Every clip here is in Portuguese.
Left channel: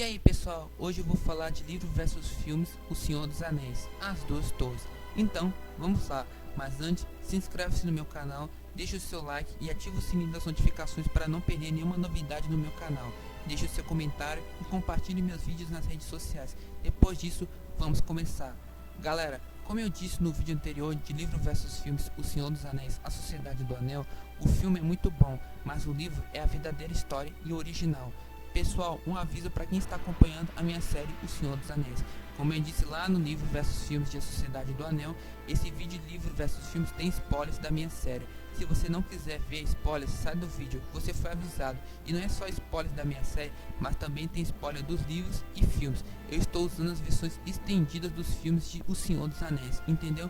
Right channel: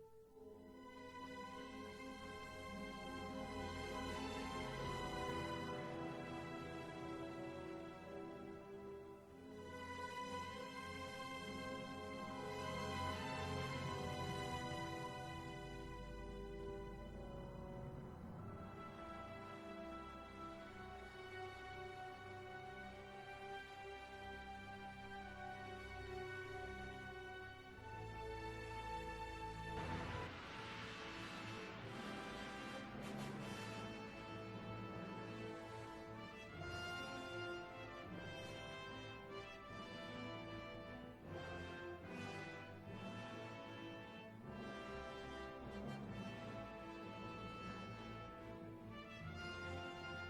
E aí pessoal, hoje eu vou falar de livro versus filmes O Senhor dos Anéis, As Duas Torres. Então, vamos lá, mas antes, se inscreve-se no meu canal, deixa o seu like e ativa o sininho das notificações para não perder nenhuma novidade no meu canal. Deixe o seu comentário e compartilhe meus vídeos nas redes sociais. Depois disso, vamos começar. Galera, como eu disse no vídeo anterior de livro versus filmes O Senhor dos Anéis, A Sociedade do Anel, o filme é muito bom, mas o livro é a verdadeira história e o original. Pessoal, um aviso para quem está acompanhando a minha série O Senhor dos Anéis. Como eu disse lá no livro versus filmes de A Sociedade do Anel, esse vídeo livro versus filmes tem spoilers da minha série. Se você não quiser ver spoilers, sai do vídeo, você foi avisado. E não é só spoilers da minha série, mas também tem spoiler dos livros e filmes. Eu estou usando as versões estendidas dos filmes de O Senhor dos Anéis, entendeu?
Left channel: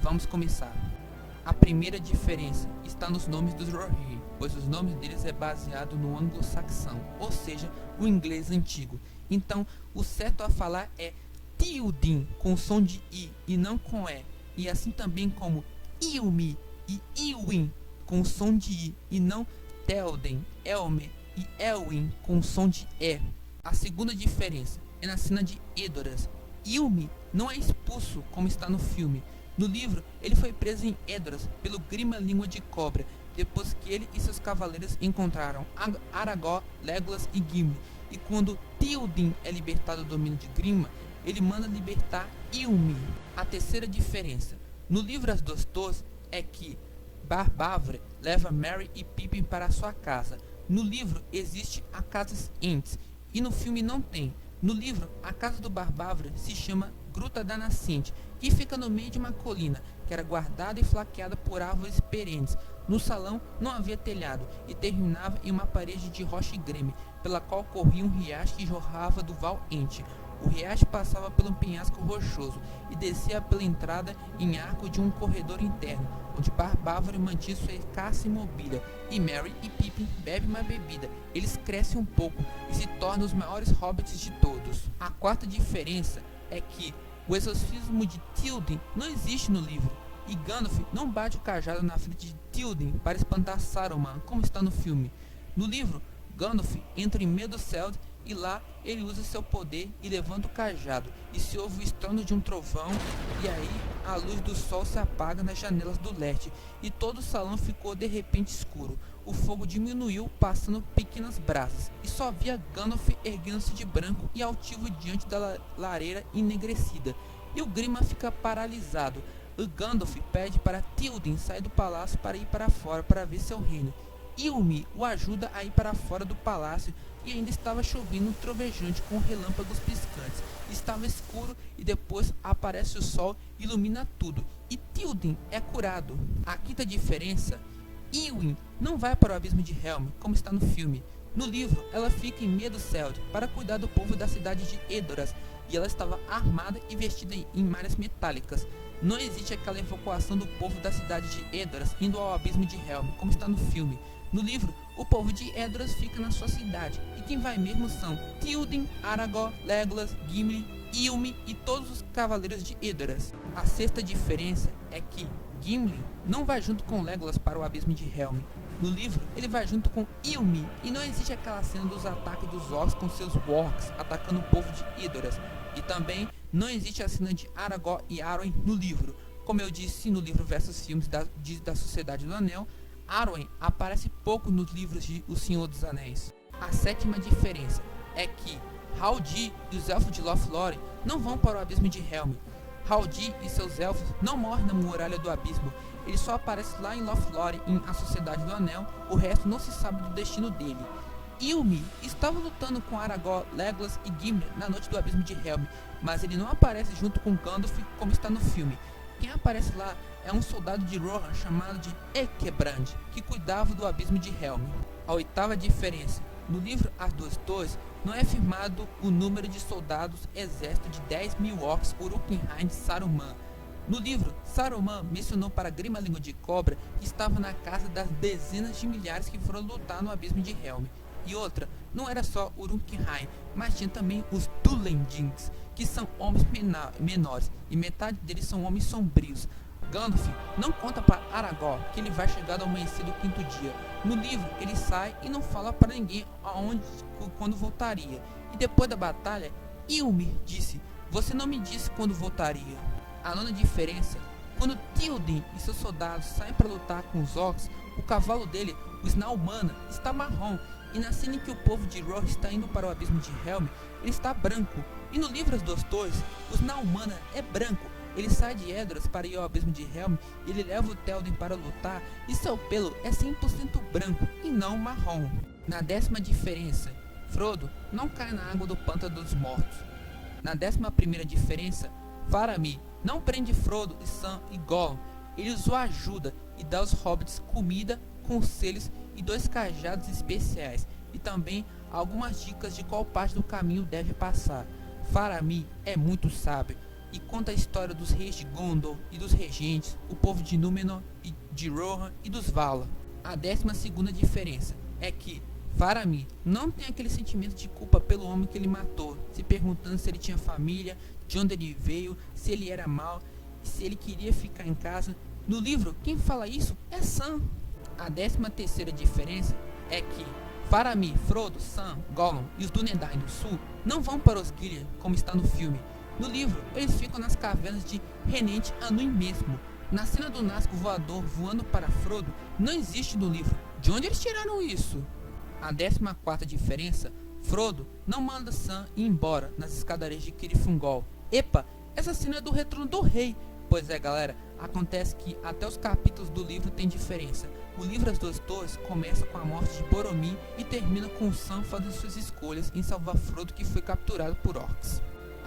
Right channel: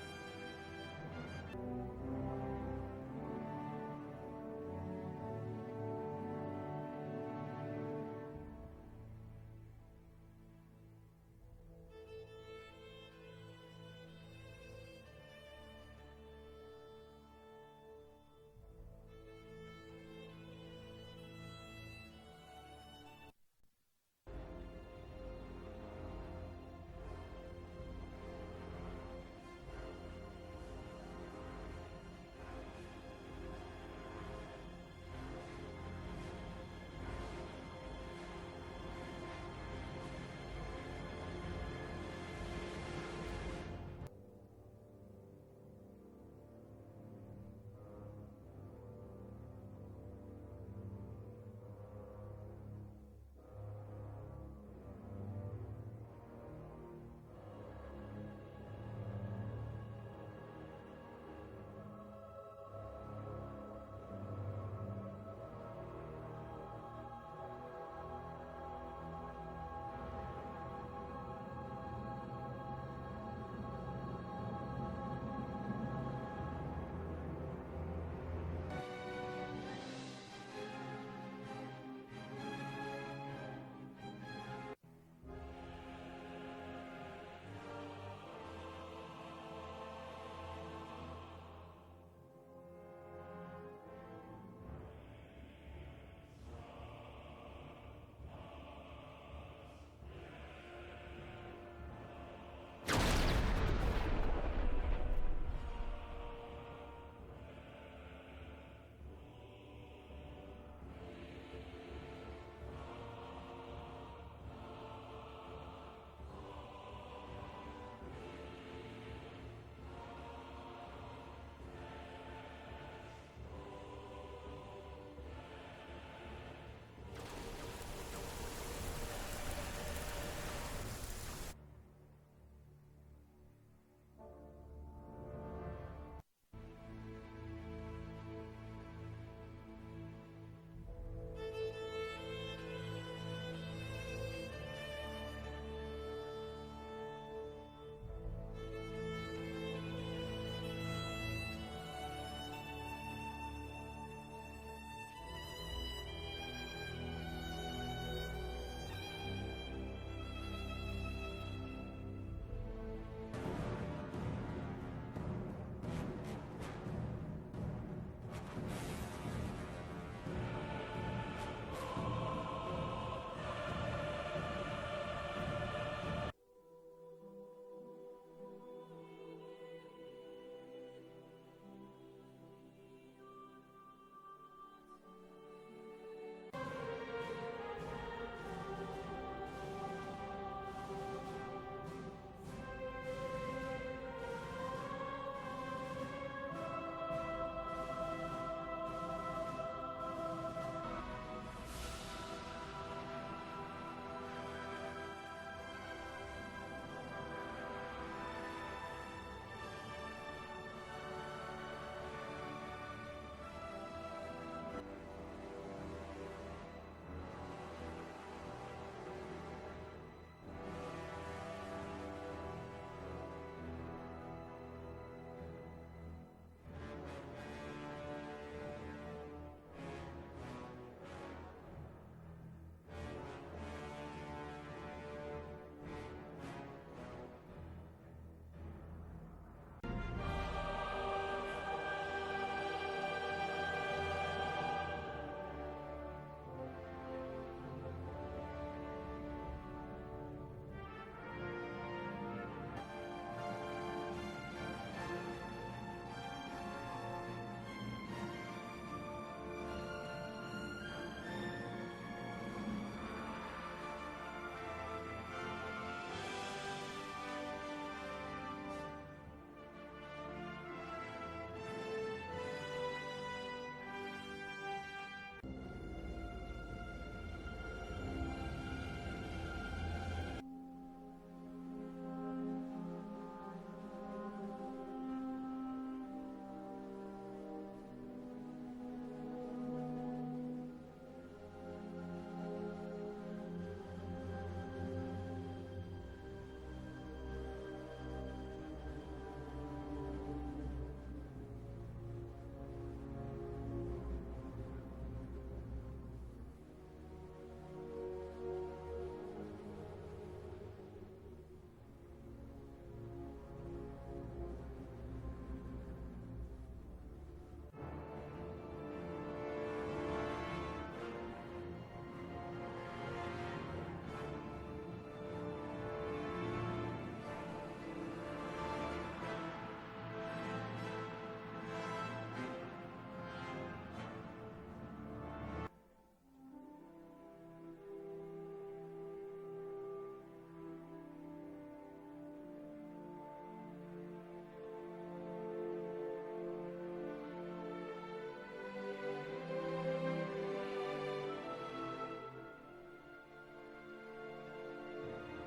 Vamos começar. A primeira diferença está nos nomes dos Rohirrim, pois os nomes deles é baseado no anglo-saxão, ou seja, o inglês antigo. Então, o certo a falar é Théoden com som de I e não com E, e assim também como Ilmi e Ilwin com som de I e não Théoden, Elmer e Elwin com som de E. A segunda diferença é na cena de Edoras. Ilmi não é expulso como está no filme. No livro, ele foi preso em Edoras pelo Grima Língua de Cobra, depois que ele e seus cavaleiros encontraram Aragorn, Legolas e Gimli. E quando Théoden é libertado do domínio de Grima, ele manda libertar Ilmi. A terceira diferença no livro As Duas Torres é que Barbávora leva Merry e Pippin para sua casa. No livro existe a Casa Ents e no filme não tem. No livro, a casa do Barbávora se chama Gruta da Nascente e fica no meio de uma colina que era guardada e flanqueada por árvores perenes. No salão não havia telhado e terminava em uma parede de rocha e greme, pela qual corria um riacho que jorrava do Val Ent. O riacho passava pelo penhasco rochoso e descia pela entrada em arco de um corredor interno, onde Barbávora mantinha sua escassa mobília, e Merry e Pippin bebem uma bebida. Eles crescem um pouco e se tornam os maiores hobbits de todos. A quarta diferença é que o exorcismo de Théoden não existe no livro, e Gandalf não bate o cajado na frente de Théoden para espantar Saruman, como está no filme. No livro, Gandalf entra em Meduseld e lá ele usa seu poder e levanta o cajado, e se ouve o estrondo de um trovão, e aí a luz do sol se apaga nas janelas do leste, e todo o salão ficou de repente escuro. O fogo diminuiu, passando pequenas brasas, e só via Gandalf erguendo-se de branco e altivo diante da lareira enegrecida, e o Grima fica paralisado. O Gandalf pede para Théoden sair do palácio para ir para fora para ver seu reino. Ilmi o ajuda a ir para fora do palácio e ainda estava chovendo trovejante com relâmpagos piscantes. Estava escuro e depois aparece o sol e ilumina tudo, e Théoden é curado. A quinta diferença, Ilwin não vai para o abismo de Helm, como está no filme. No livro, ela fica em Meduseld para cuidar do povo da cidade de Edoras, e ela estava armada e vestida em malhas metálicas. Não existe aquela evacuação do povo da cidade de Edoras indo ao abismo de Helm, como está no filme. No livro, o povo de Edoras fica na sua cidade, e quem vai mesmo são Théoden, Aragorn, Legolas, Gimli, Ilmi e todos os cavaleiros de Edoras. A sexta diferença é que Gimli não vai junto com Legolas para o abismo de Helm. No livro, ele vai junto com Ilmi, e não existe aquela cena dos ataques dos orcs com seus wargs atacando o povo de Edoras. E também não existe a cena de Aragorn e Arwen no livro. Como eu disse no livro versus filmes da Sociedade do Anel, Arwen aparece pouco nos livros de O Senhor dos Anéis. A sétima diferença é que Haldir e os elfos de Lothlórien não vão para o abismo de Helm. Haldir e seus elfos não morrem na muralha do abismo. Ele só aparece lá em Lothlórien, em A Sociedade do Anel. O resto não se sabe do destino dele. Ilmi estava lutando com Aragorn, Legolas e Gimli na noite do abismo de Helm, mas ele não aparece junto com Gandalf como está no filme. Quem aparece lá é um soldado de Rohan chamado de Ekebrand, que cuidava do abismo de Helm. A oitava diferença, no livro As Duas Torres, não é afirmado o número de soldados exército de 10.000 orcs Uruk-hai de Saruman. No livro, Saruman mencionou para Grima Língua de Cobra que estava na casa das dezenas de milhares que foram lutar no abismo de Helm. E outra, não era só Uruk-hai, mas tinha também os Dulenjins, que são homens menores, e metade deles são homens sombrios. Gandalf não conta para Aragorn que ele vai chegar ao amanhecer do quinto dia. No livro, ele sai e não fala para ninguém aonde quando voltaria. e depois da batalha, Ymir disse: "Você não me disse quando voltaria." A nona diferença: quando Théoden e seus soldados saem para lutar com os orcs, o cavalo dele, o Snarlmanna, está marrom, e na cena em que o povo de Rohan está indo para o abismo de Helm, ele está branco. E no livro As Duas Torres, o Snarlmanna é branco. Ele sai de Edoras para ir ao abismo de Helm, ele leva o Théoden para lutar, e seu pelo é 100% branco e não marrom. Na 10ª diferença: Frodo não cai na água do Pântano dos Mortos. Na 11ª diferença: Faramir não prende Frodo, Sam e Gollum, ele os ajuda e dá aos hobbits comida, conselhos e 2 cajados especiais, e também algumas dicas de qual parte do caminho deve passar. Faramir é muito sábio e conta a história dos reis de Gondor e dos regentes, o povo de Númenor e de Rohan e dos Valar. A 12ª diferença é que Faramir não tem aquele sentimento de culpa pelo homem que ele matou, se perguntando se ele tinha família, de onde ele veio, se ele era mau, se ele queria ficar em casa. No livro, quem fala isso é Sam. A 13ª diferença é que Faramir, Frodo, Sam, Gollum e os Dúnedain do Sul não vão para Osgiliath, como está no filme. No livro, eles ficam nas cavernas de Renente Anduin mesmo. Na cena do Nazgûl voador voando para Frodo, não existe no livro. De onde eles tiraram isso? A 14ª diferença: Frodo não manda Sam ir embora nas escadarias de Cirith Ungol. Epa, essa cena é do Retorno do Rei. Pois é, galera, acontece que até os capítulos do livro tem diferença. O livro As Duas Torres começa com a morte de Boromir e termina com Sam fazendo suas escolhas em salvar Frodo, que foi capturado por orcs.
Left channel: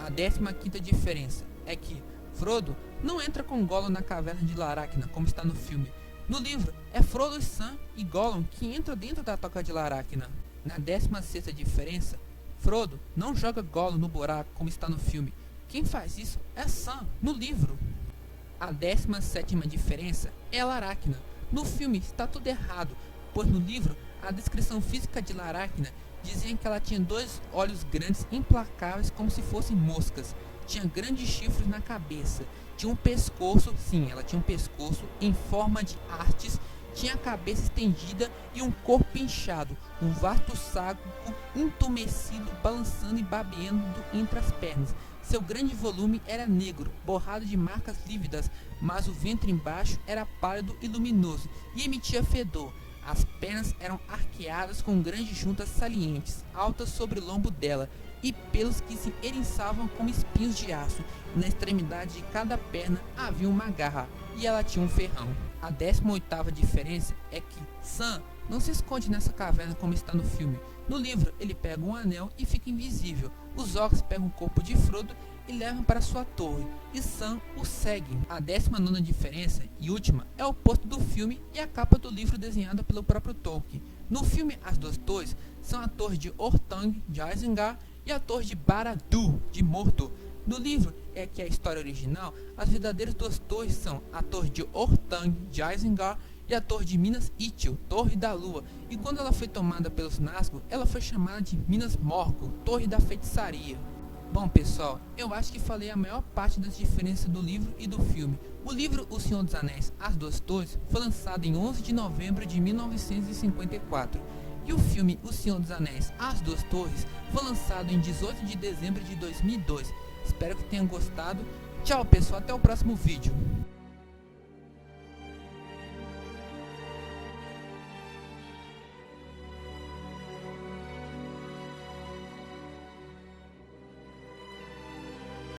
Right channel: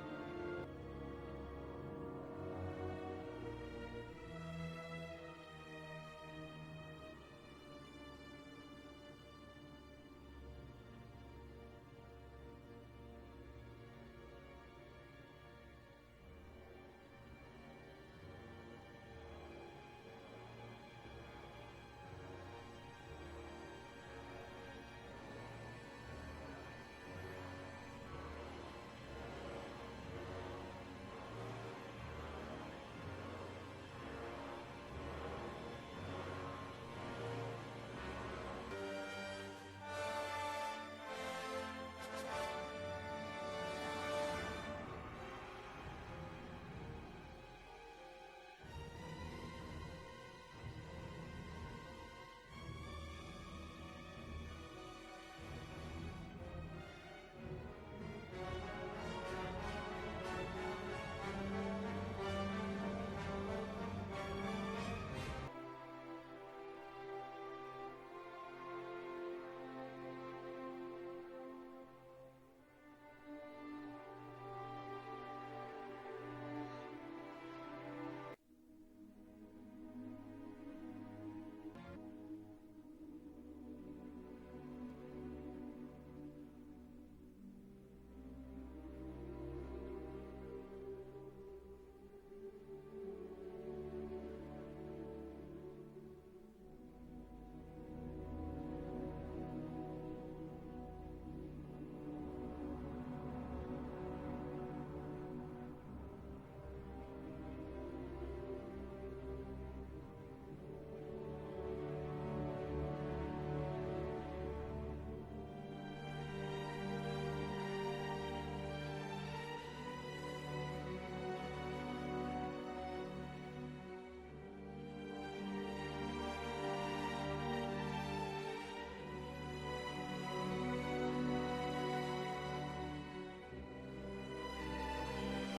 A 15ª diferença é que Frodo não entra com Gollum na caverna de Laracna, como está no filme. No livro, é Frodo, Sam e Gollum que entram dentro da Toca de Laracna. Na 16ª diferença, Frodo não joga Gollum no buraco, como está no filme. Quem faz isso é Sam, no livro. A 17ª diferença é a Laracna. No filme está tudo errado, pois no livro a descrição física de Laracna dizia que ela tinha 2 olhos grandes implacáveis como se fossem moscas, tinha grandes chifres na cabeça, tinha um pescoço, sim, ela tinha um pescoço em forma de hastes, tinha a cabeça estendida e um corpo inchado, um vasto saco entumecido balançando e babeando entre as pernas. Seu grande volume era negro, borrado de marcas lívidas, mas o ventre embaixo era pálido e luminoso e emitia fedor. As pernas eram arqueadas com grandes juntas salientes, altas sobre o lombo dela, e pelos que se eriçavam como espinhos de aço. Na extremidade de cada perna havia uma garra, e ela tinha um ferrão. A 18ª diferença é que Sam não se esconde nessa caverna como está no filme. No livro, ele pega um anel e fica invisível. Os orcs pegam o corpo de Frodo e levam para sua torre, e Sam o segue. A 19ª diferença e última é o oposto do filme e a capa do livro desenhada pelo próprio Tolkien. No filme, as 2 torres são a torre de Orthanc de Isengard e a torre de Barad-dûr de Mordor. No livro, é que a história original, as verdadeiras 2 torres são a torre de Orthanc de Isengard e a torre de Minas Ithil, Torre da Lua, e quando ela foi tomada pelos Nazgûl, ela foi chamada de Minas Morgul, Torre da Feitiçaria. Bom, pessoal, eu acho que falei a maior parte das diferenças do livro e do filme. O livro O Senhor dos Anéis, As Duas Torres, foi lançado em 11 de novembro de 1954, e o filme O Senhor dos Anéis, As Duas Torres, foi lançado em 18 de dezembro de 2002. Espero que tenham gostado. Tchau, pessoal, até o próximo vídeo.